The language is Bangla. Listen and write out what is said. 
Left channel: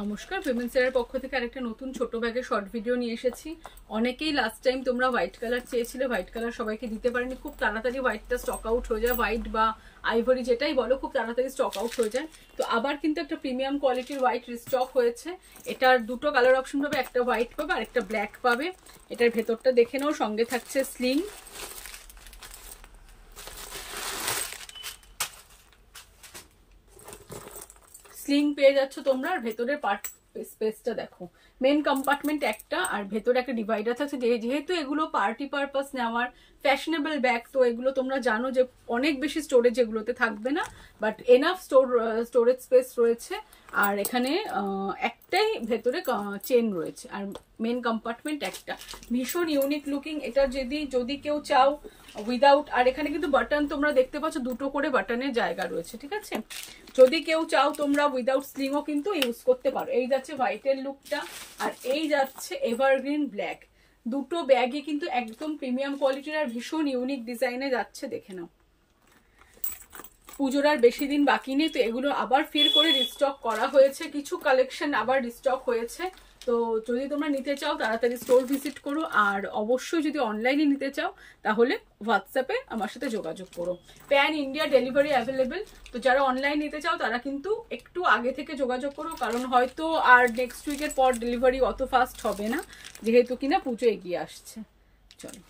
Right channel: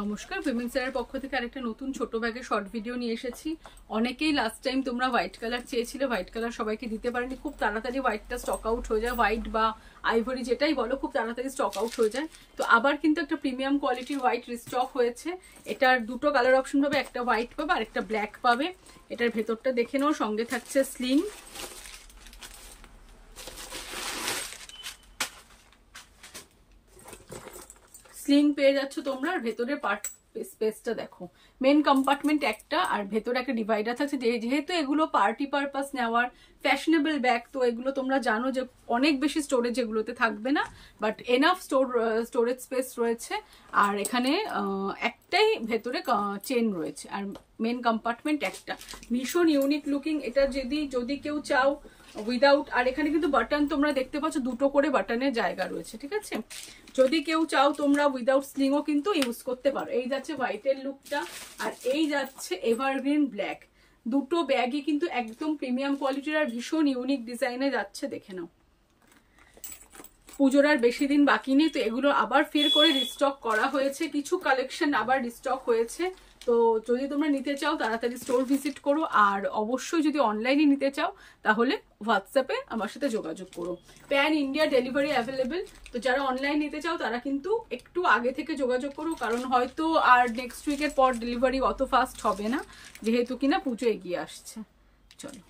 নমস্কার, উইমেন্স এর পক্ষ থেকে আরেকটা নতুন ছোট ব্যাগের শর্ট ভিডিও নিয়ে এসেছি। অনেকেই লাস্ট টাইম তোমরা হোয়াইট কালার চেয়েছিলে, হোয়াইট কালার সবাইকে দিতে পারেনি। খুব তাড়াতাড়ি হোয়াইটটা স্টক আউট হয়ে যায়, হোয়াইট বা আইভরি যেটাই বলো খুব তাড়াতাড়ি স্টক আউট হয়ে যায়। তো আবার কিন্তু একটা প্রিমিয়াম কোয়ালিটির হোয়াইট রিস্টক হয়েছে। এটার দুটো কালার অপশন পাবে, একটা হোয়াইট পাবে আর একটা ব্ল্যাক পাবে। এটার ভেতরটা দেখে নাও, সঙ্গে থাকছে স্লিং। স্লিং পেয়ে যাচ্ছ তোমরা। আর ভেতরের পার্ট স্পেসটা দেখো, মেন কম্পার্টমেন্ট একটা আর ভেতরে একটা ডিভাইডার থাকছে। যেহেতু এগুলো পার্টি পারপাস নেওয়ার ফ্যাশনেবল ব্যাগ, তো এগুলো তোমরা জানো যে অনেক বেশি স্টোরেজ এগুলোতে থাকবে না, বাট এনাফ স্টোরেজ স্পেস রয়েছে। আর এখানে একটাই ভেতরে চেন রয়েছে আর মেন কম্পার্টমেন্ট একটা। ভীষণ ইউনিক লুকিং এটা। যদি কেউ চাও উইদাউট, আর এখানে কিন্তু বাটন তোমরা দেখতে পাচ্ছ, দুটো করে বাটনের জায়গা রয়েছে, ঠিক আছে। যদি কেউ চাও তোমরা উইদাউট স্লিংও কিন্তু ইউজ করতে পারো। এই যাচ্ছে হোয়াইটের লুকটা আর এই যাচ্ছে এভারগ্রিন ব্ল্যাক। দুটো ব্যাগই কিন্তু একদম প্রিমিয়াম কোয়ালিটির আর ভীষণ ইউনিক ডিজাইনে যাচ্ছে, দেখে নাও। পুজোর আর বেশি দিন বাকি নেই, তো এগুলো আবার ফের করে রিস্টক করা হয়েছে, কিছু কালেকশন আবার রিস্টক হয়েছে। তো যদি তোমরা নিতে চাও তাড়াতাড়ি স্টোর ভিজিট করো। আর অবশ্যই যদি অনলাইনে নিতে চাও তাহলে হোয়াটসঅ্যাপে আমার সাথে যোগাযোগ করো। Pan India delivery available. তো যারা অনলাইন নিতে চাও তারা কিন্তু একটু আগে থেকে যোগাযোগ করো, কারণ হয়তো আর নেক্সট উইকের পর ডেলিভারি অত ফাস্ট হবে না, যেহেতু কিনা পুজো এগিয়ে আসছে। চলো।